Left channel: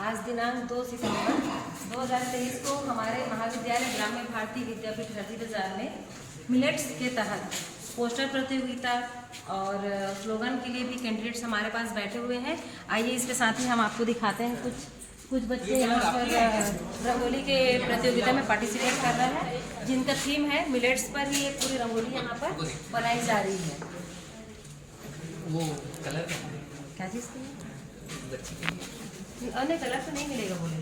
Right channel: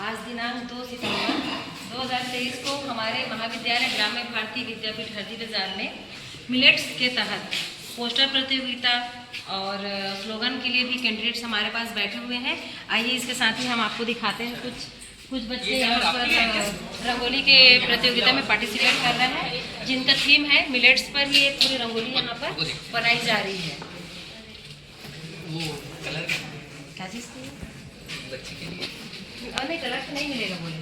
आज दिनांक 2 सितंबर 2023 को हमारे महाविद्यालय ग्राम्य भारती विद्यापीठ हरदी बाजार में मिलेट्स के तहत पोस्टर प्रतियोगिता और स्लोगन के लिए भी कैंडिडेट्स हमारे पास बैठे हुए हैं। आइए इसके साथ ही हम आपको दिखाते हैं कुछ बच्चे यहाँ पर रंगोली के प्रतियोगिता में पार्टिसिपेट कर रहे हैं, जिनका थीम है मिलेट्स पर ही एक पूरी रंगोली यहाँ पर बनाई जा रही है। वो कलर क्या चीज़ की बच्चे के लिए अन्य कलर तो नहीं मिलेगा बोले।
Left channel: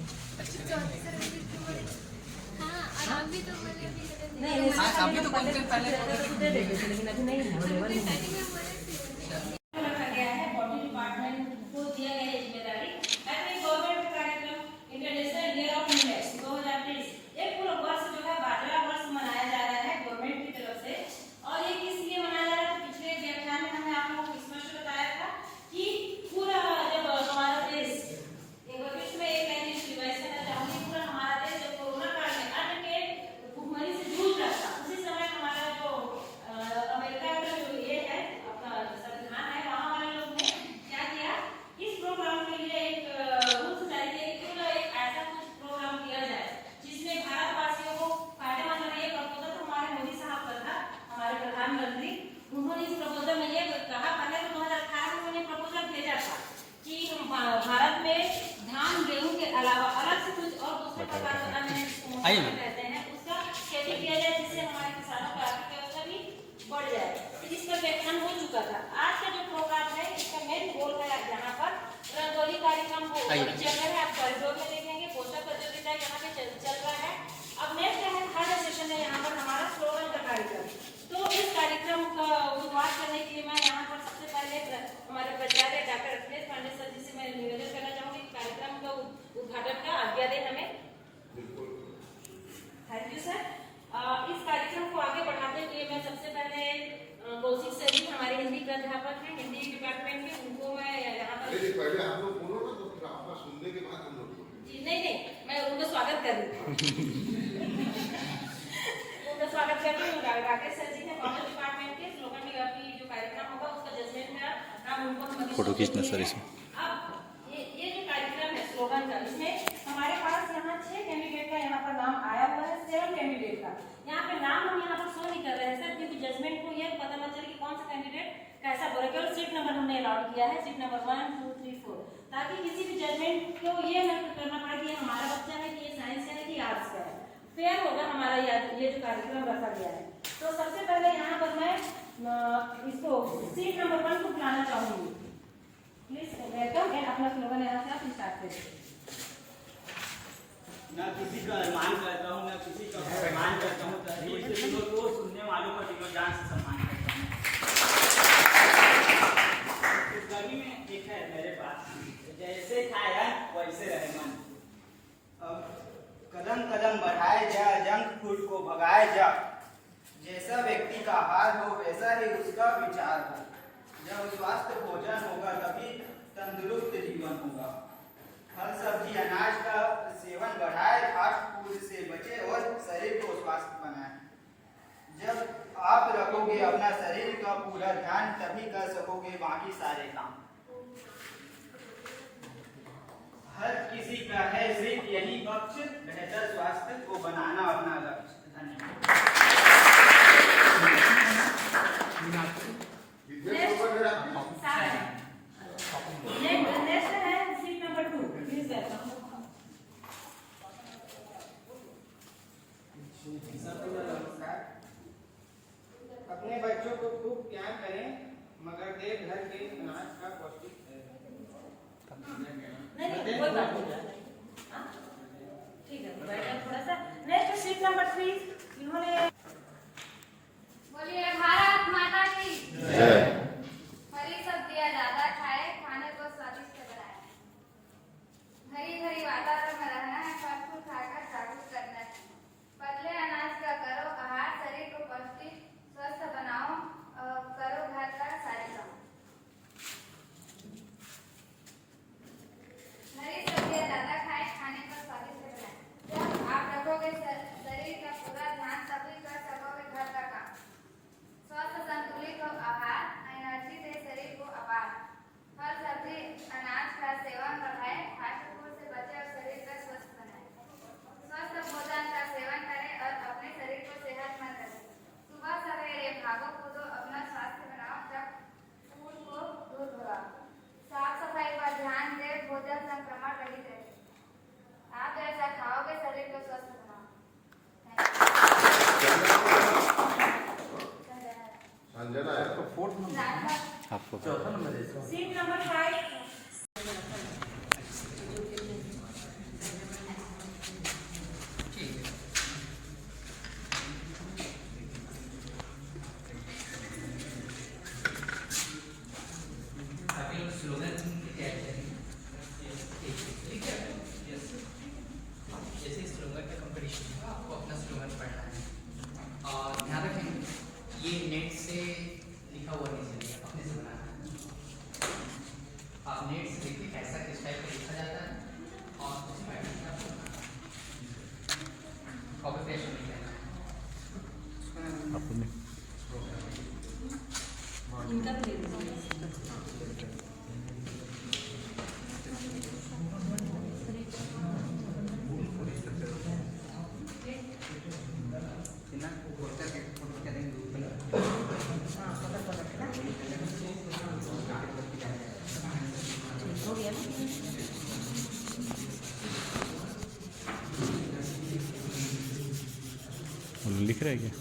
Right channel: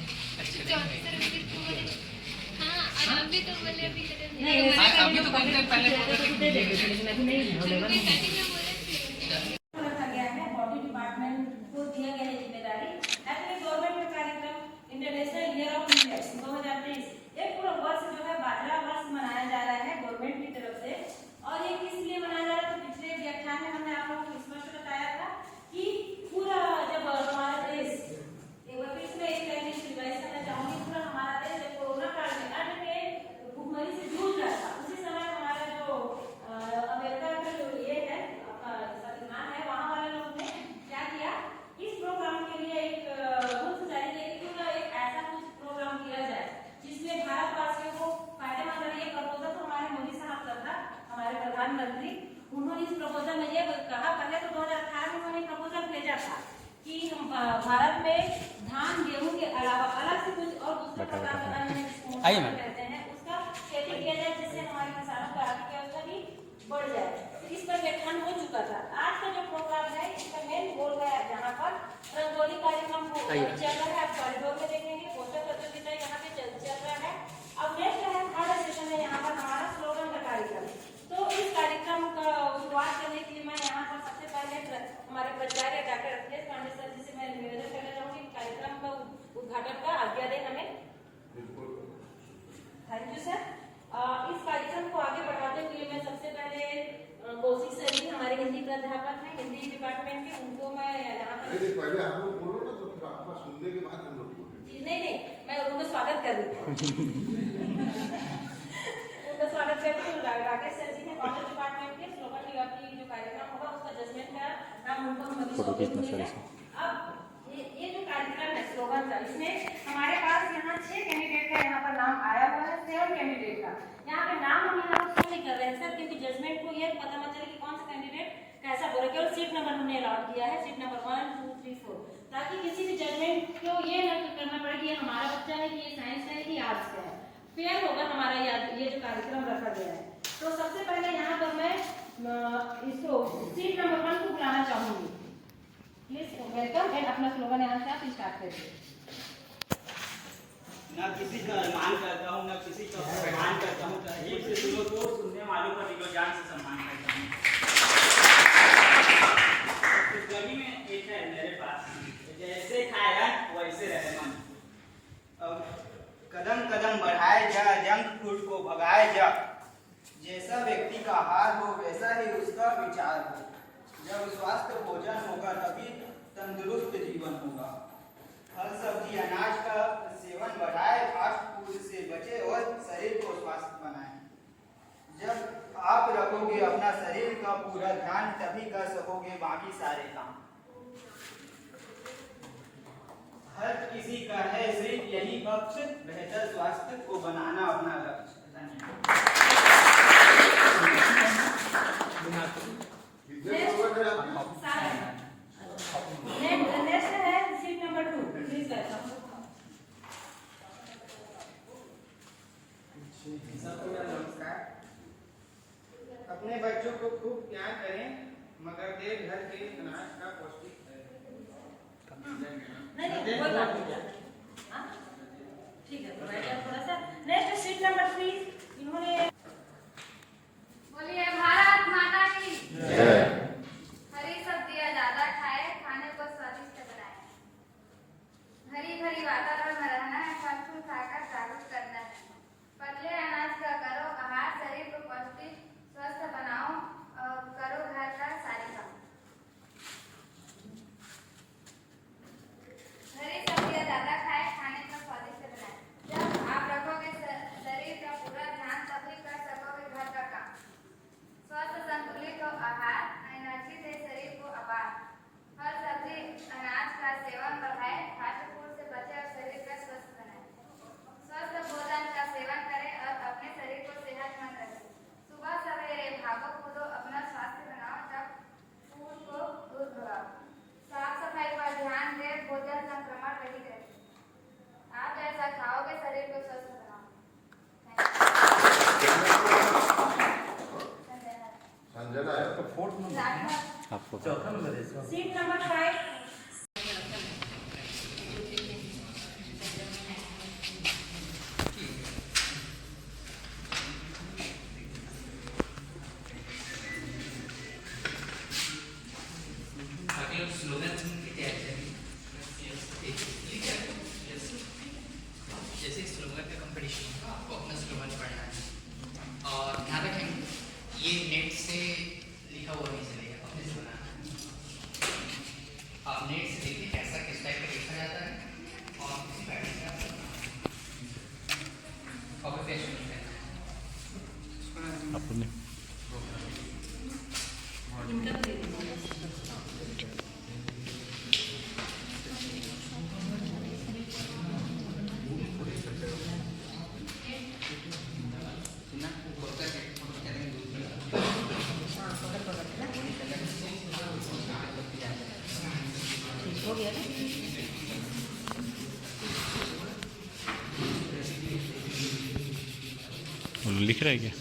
अभी तो बोलते हैं पहले रखा गया है। बॉडी डिपार्टमेंट को दिया गया है जिम्मेदारी गवर्नमेंट कार्यक्रम इंटरनेशनल ईयर ऑफ मिलेट्स 2023 एक पूरा वर्ष जो है बाजरा वर्ष मनाया जा रहा है गवर्नमेंट की तरफ से। और ये किस लिए मनाया जा रहा है? तो पिछले व्याख्यान में हमने आप लोगों को स्पष्ट बताया था कि पूरा जब हमारा देश एक बार फिर से एक लाइन रिवाइज करना चाहूंगी। पूरा हमारा देश जब कोरोना काल में अन्न के भुखमरी से जूझ रहा था, उसी समय हमारा जो अमेरिका का जो ये है अपना संविधान है, वहाँ वाले लोग ने क्या किया, इस प्रोग्राम के लिए एक रूल्स जारी किया कि क्यों एक ऐसा कुछ प्रोग्राम किया जाए जिसमें भारतवासियों को फायदेमंद रहे। ये प्रपोजल तो हमारे मोदी साहब का था, हमारे प्रधानमंत्री। उन्होंने इस प्रपोजल में ये कहा, पहले तो 2018 में उन्होंने प्रपोजल भेजा था कि हम भारत में धान गेहूं के अलावा अलग से कुछ और दूसरे प्रकार का अन्न रहते हैं उसका खेती किया जाए, जिससे हमारे किसानों की आर्थिक व्यवस्था भी बढ़ जाए। इस पर व्याख्यान हो चुका था। आज का जो प्रोग्राम है इसका मेन गोल है यहाँ पर रंगोली कार्यक्रम चल रहा है। आप कॉरिडोर में देखेंगे पोस्टर प्रतियोगिता यहाँ पे चल रहा है। अब नेक्स्ट है थर्ड सेशन है यहाँ पर हमारा स्लोगन का कार्यक्रम। तो इस कार्यक्रम का शुरुआत करने के लिए मैं यहाँ पर सबसे पहले हमारे प्राचार्य डॉक्टर अखिलेश पांडे सर जी से मैं निवेदन करना चाहूँगी कि कार्यक्रम का उद्घाटन का आज्ञा दें हमें। Thank you sir. इस कार्यक्रम को आगे बढ़ाने के लिए मैं सबसे पहले कौशिक सर जी हमारे हिंदी प्राध्यापक हैं हिंदी डिपार्टमेंट के, उनको मैं यहाँ पर पहले आप लोग बोलो ना, तो फिर आपका सुनने के बाद हम लोग बोलेंगे। नहीं मैं उनका स्वागत कर रही हूँ उनका स्वागत कर रही हूँ। राकेश सर जी हैं कॉमर्स डिपार्टमेंट के। स्लोगन की जो कार्यक्रम होगा उसका जजमेंट का नाम उनको फोटो खींचना सर इसमें। अब ये जो कार्यक्रम है स्लोगन का, इसमें हमारे पास यहाँ 6 कैंडिडेट का यहाँ पर नाम आया हुआ है, 7 कैंडिडेट का। यहाँ पे नाम हम यहाँ पर शो नहीं कर रहे हैं सर, क्योंकि जजमेंट को ये पता मत चले कि कौन सा कैंडिडेट कैसा बोले। केवल सीट नंबर हमने अलाउट किया है, सीट नंबर 1 2 3 4, ताकि किसी भी जजमेंट को ये न करना पड़े कि ये हमारा बच्चा है कि ये साइंस का है कि आर्ट्स का है। फेयर होगा हमारा ये जो कार्यक्रम रखा गया है। तो सबसे पहले यहाँ पर मैं इसको सीट नंबर 1 को बुलाना चाहूंगी। प्लीज वेलकम एंड अपना स्लोगन यहाँ से आप स्टार्ट करें। न किसी का सम्मान करता हूँ, न किसी का सम्मान करता हूँ, तहरीर से दिलों को सुनने वालों का दिलो जान से सम्मान करता हूँ। इस कवि में एक है मेरे पास, जैसे खाया वैसे रहे मन। कदम कदम बढ़ाए जा, जंक फूड को भगाए जा। जैसा व्यक्ति का हाल हो वैसा ही उसका विचार हो। जब स्वस्थ भोजन होगा तभी तंदुरुस्त जीवन होगा। फल सब्जी अनाज का सेवन बढ़ाए, फास्ट फूड से बचे और शरीर को स्वस्थ बनाए। जब आप रखोगे अपना शरीर का पूरा ध्यान तभी कर सकोगे बाकी सारे काम। हर किसी का है सिर्फ यही पक्ष, बेहतर स्वास्थ्य को बनाना अपना लक्ष्य। धन्यवाद। नेक्स्ट है सीट नंबर 2, प्लीज वेलकम। सबको नमस्कार। अपने बच्चों को खूब प्यार करें, मगर देर घर के अनाज का पौष्टिक नहीं कोई बात नहीं, ठीक है थोड़ा सा। नेक्स्ट सीट नंबर 3 इन्होंने बोलिए भारत माता की जय। हरी सब्जियां ज्यादा खाए, खाने को स्वादिष्ट बनाए। हरी भरी वातावरण में रहना है, फल फूल खाकर जागरूक करना है। पतले अनाज का करो आहार, शरीर को पौष्टिक स्वस्थ बनाओ और करो घर का सारे काम। हरी सब्जियां ज्यादा खाए, खाने को स्वादिष्ट बनाए। जब आप रखोगे शरीर का पूरा ध्यान तभी कर सकोगे घर का काम। स्वस्थ संतुलित आहार एनर्जी दे शरीर को अपार। फल सब्जी अनाज का सेवन बढ़ाए, फास्ट फूड से बचे गया ना। लिख रहा है क्या?